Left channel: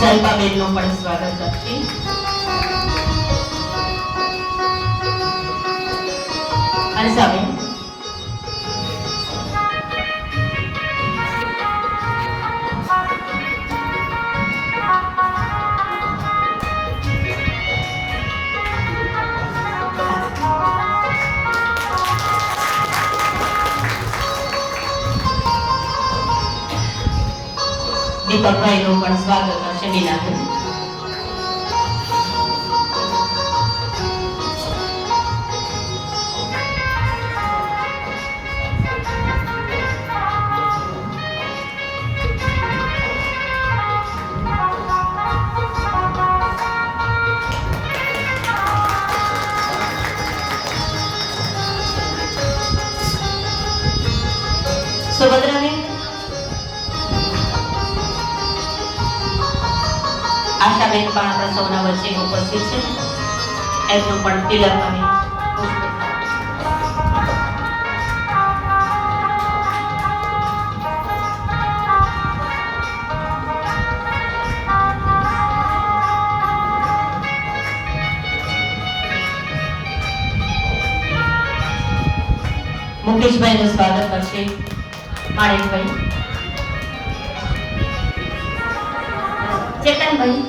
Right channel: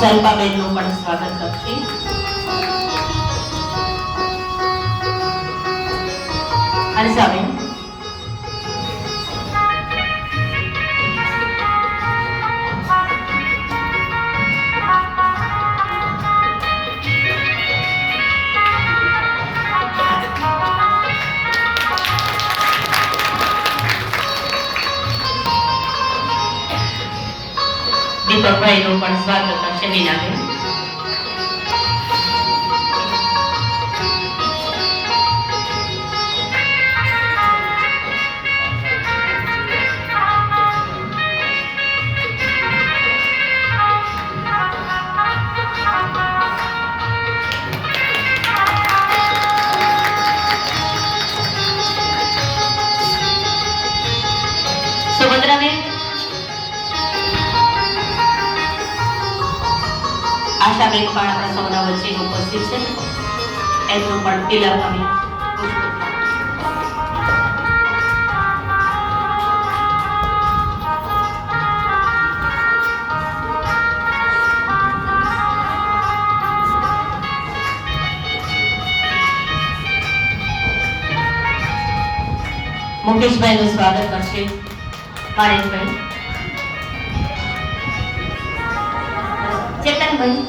જલ્પાબેનનું પણ સ્વાગત કરશે. હર્ષાબેન દીપકભાઈનું પણ સ્વાગત કરશે. મીનાબેન સુભદ્રાબેન આશાબેન પણ આપણા સૌના વચ્ચે ઉપસ્થિત છે. એમનું પણ તિલક અમે મુકેશભાઈનું સ્વાગત કરશે. માણેકભાઈ, ચેતનભાઈ,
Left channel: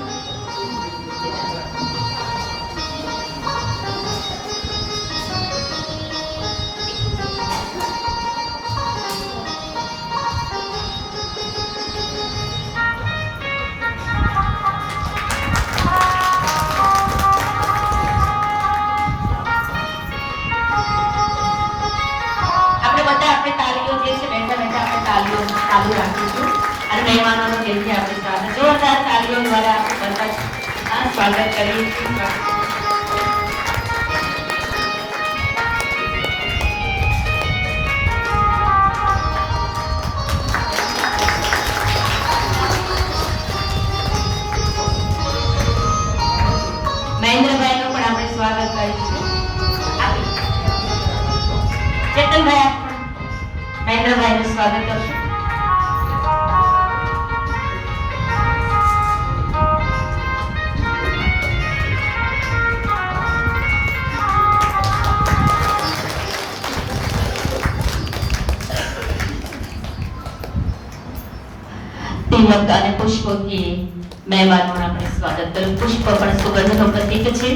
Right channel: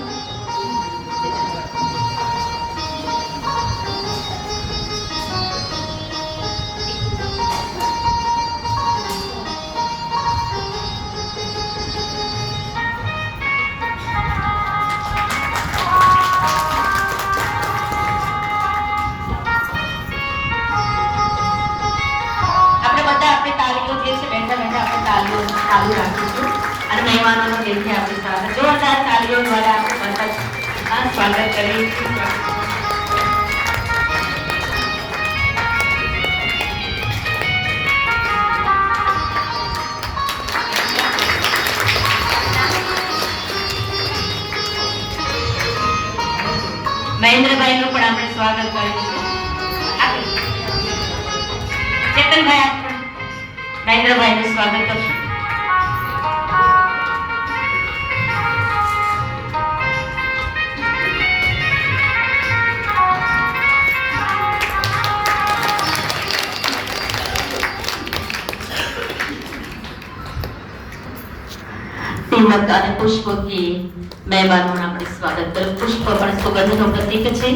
આપણે તાલીઓ જે છે બેઠા બેઠા આપણે તાલીઓ ચાલુ રાખીશું અને મહેમાનોનો દિલથી આપણે સ્વાગત જોરદાર તાલીઓ દ્વારા આપણે સ્વાગત કરી. મહેન્દ્રભાઈનું પણ આપણે સ્વાગત કરીશું. ચેતનભાઈ મહેન્દ્રભાઈનું સ્વાગત કરશું. તિલક અને પુષ્પથી મહેમાનોનું આપણે સ્વાગત કર્યું. પુષ્પ પણ સુગંધનું પ્રતીક છે.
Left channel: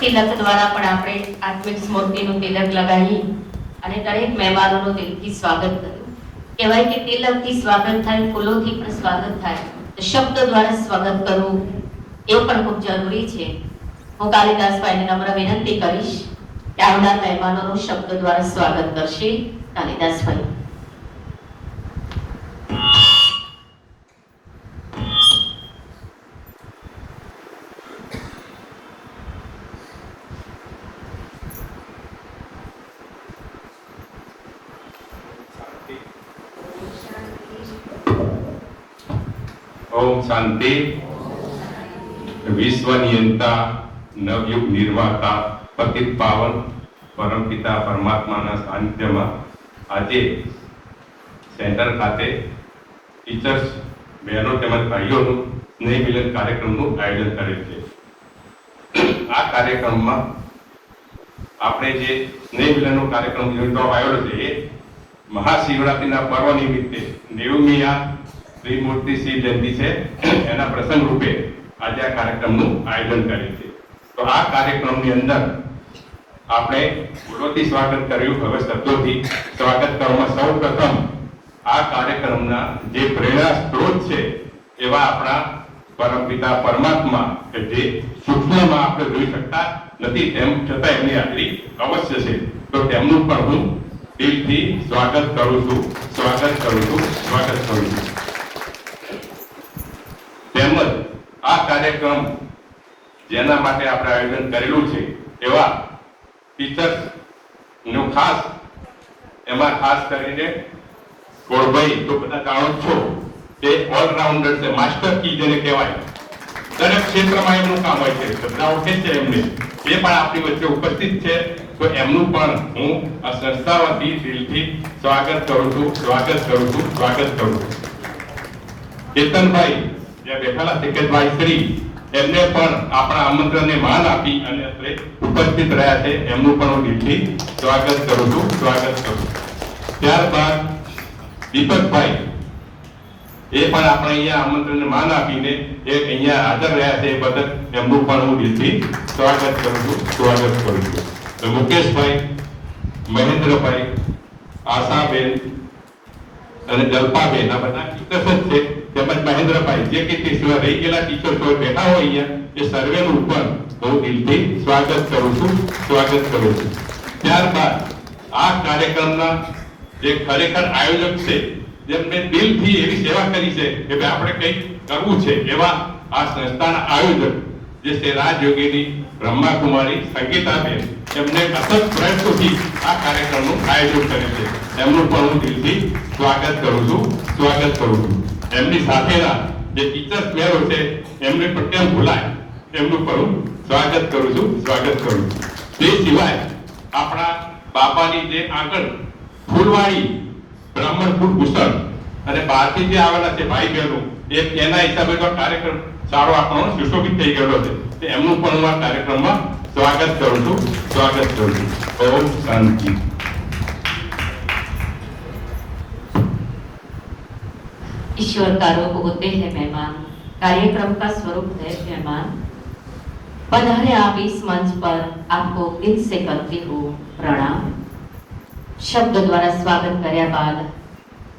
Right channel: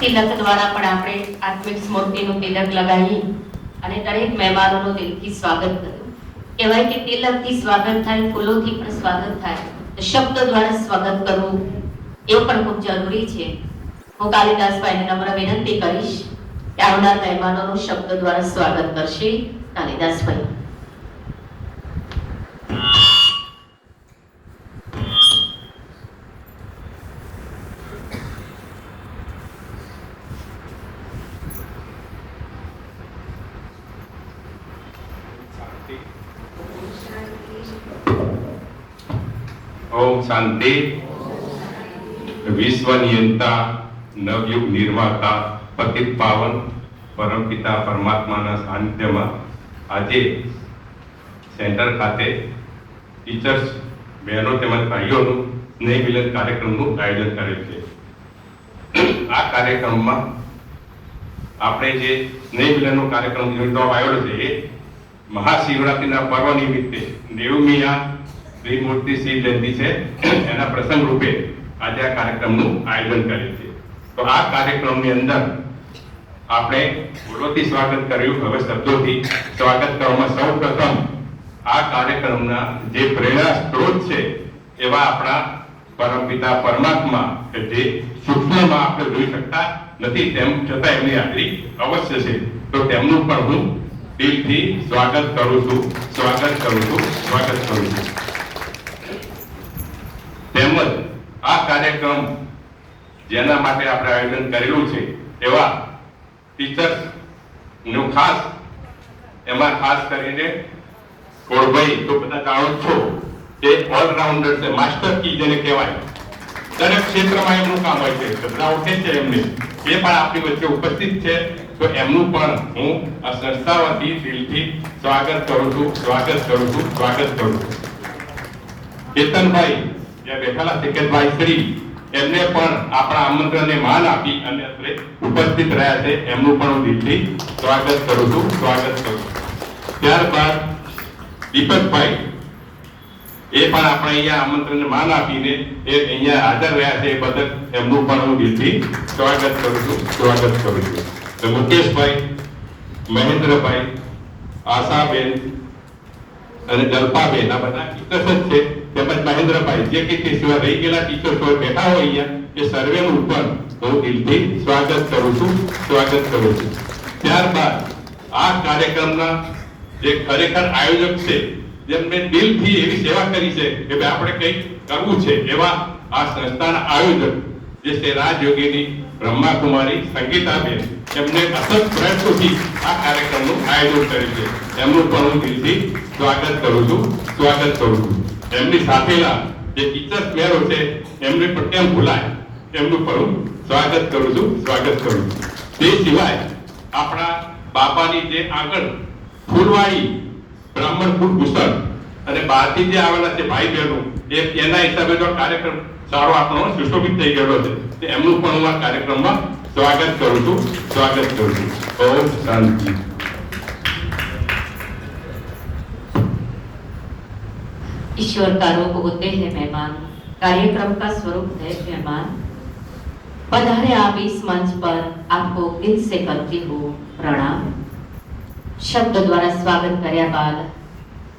તિલક દ્વારા પણ આપણે આત્મિક સ્મૃતિનું તિલક લગાવી અને દરેક મહેમાનોનું દિલથી સ્વાગત કર્યું. કહેવાય કે તિલકથી સ્વાગત થાય, ફૂલોથી પણ સ્વાગત થાય, તો શબ્દ દ્વારા સ્વાગત કરવું એ પણ ખૂબ જરૂરી છે. હું કાલિદાસભાઈને નમ્ર વિનંતી કરીશ કે આવનાર મહેમાનોનું શબ્દ દ્વારા સ્વાગત કરશે. કાલિદાસભાઈ. ओम शांति. विश्व नियंता, नवयुग निर्माता, पतित पावन परम पिता परमात्मा सानिध्य में आज सेंटर खाते टीचर्स बहनों तेमज भाईओं स्नेह मिलन कार्यक्रम आयोजन करे छे. आ कार्यक्रम में आपणे जे स्नेह मिलन कार्यक्रम योजવામાં આવેલો છે મહાશિવરાત્રીના પર્વ નિમિત્તે 90મી ત્રિમૂર્તિ શિવ જયંતિ છે એના પ્રસંગ રૂપે આજે આ કાર્યક્રમનું આયોજન કરે છે. તો આ કાર્યક્રમની અંદર આપણે ફૂલોથી સ્વાગત કર્યું. હવે શબ્દોથી સ્વાગત કરવામાં સૌ પ્રથમ આ કાર્યક્રમના જે પ્રેરણા સ્ત્રોત છે એવા આપણા પરમપિતા પરમાત્મા કે જે સૂક્ષ્મમાં આપણે જોઈ શકતા નથી તેમ છતાં એમની હાજરી અવશ્ય છે. તો તેમનું પણ હું દિલથી સ્વાગત કરું છું. તેમજ આ કાર્યક્રમ જેના માટે આપણે આયોજન કરેલું છે એવા ટીચર્સ નું ખાસ એમાં ખાસ કરીને કોળભાઈ તો બધા જાણો છો કે ઓલરાઉન્ડર છે, માસ્ટર કી જેને કહેવાય. દરેક ક્ષેત્રમાં એમનું કામ હોય છે. બધા ઓળખે છે એમને, એ પણ આપણી વચ્ચે ઉપસ્થિત છે. તો એમનું પણ હું આ સંસ્થા વતી દિલથી સ્વાગત કરું છું. ચેતનભાઈ બેઠેલા સેક્રેટરી શ્રી એમને પણ આપણા આમંત્રણને માન આપી અને અત્રે ઉપસ્થિત રહ્યા છે એમનું પણ હું દિલથી સ્વાગત કરું છું. ત્યારબાદ દીપકભાઈ એ પણ આપણે અહીંયા આમંત્રણને માન આપીને એ અહીંયા હાજર રહ્યા છે એ બદલ એમનું પણ હું દિલથી સ્વાગત કરું છું. તો મુકેશભાઈ, મહેન્દ્રભાઈ, આશાબેન અને જલ્પાબેન આ બધા ટીચર્સ જ છે. તેમજ મહેન્દ્રભાઈ જે કે તે સિવાય રહી ગયેલા ટીચર્સ બેઠા હોય અહીંયા એ સર્વેનું પણ હું દિલથી સ્વાગત કરું છું. ત્યારબાદ આ કાર્યક્રમના જે ખરેખર આયોજક છે જેમને દિલથી એવી સેવા કરી છે કે ભાઈ આપણે કંઈક કરવું છે એવા આ સંસ્થાના આયોજક જે છે રાજયોગીની બ્રહ્માકુમારી સંગીતાબેન એમને અસત પ્રયત્નોથી આ કાર્યક્રમનું આયોજન કર્યું છે. એમનું પણ હું દિલથી સ્વાગત કરું છું. એમની સાથેના જે ટીચર્સ મેરો છે એમને પણ કેમ ભૂલાય એમનું પણ હું સ્વાગત કરું છું. તે સિવાય આપણા બાપાની જે આગળ ફૂલવાડી બ્રાહ્મણ ફૂલ ભૂષણ અને બહારથી જે આવેલા છે ભાઈ બહેનો એના હિસાબે તો કાર્યક્રમ સારો આપણો સુશોભિત થઈ ગયેલો છે. એમનું પણ હું આ કાર્યક્રમમાં સ્વાગત કરું છું. ઓમ શાંતિ. ईश्वर का रूप होते हैं मेहमान, कार्यक्रम का स्वरूप है मेहमान। पधारे आप इस मंच पर, आपको दिल से करती हूँ प्रणाम। शब्द द्वारा स्वागत કર્યા બાદ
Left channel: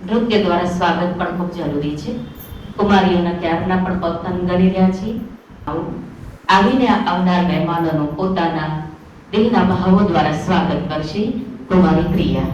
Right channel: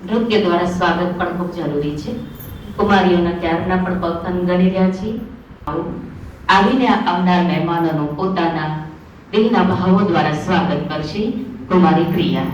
નૃત્ય દ્વારા સ્વાગત પણ ખૂબ જરૂરી છે. કુમારીઓના ત્યારના પણ પગથન ગણી રહ્યા છે. આવીને આવનાર મહેમાનોનું પોતાના દિલના ભાવો દ્વારા સ્વાગત કરશે કુમારી પ્રિયા.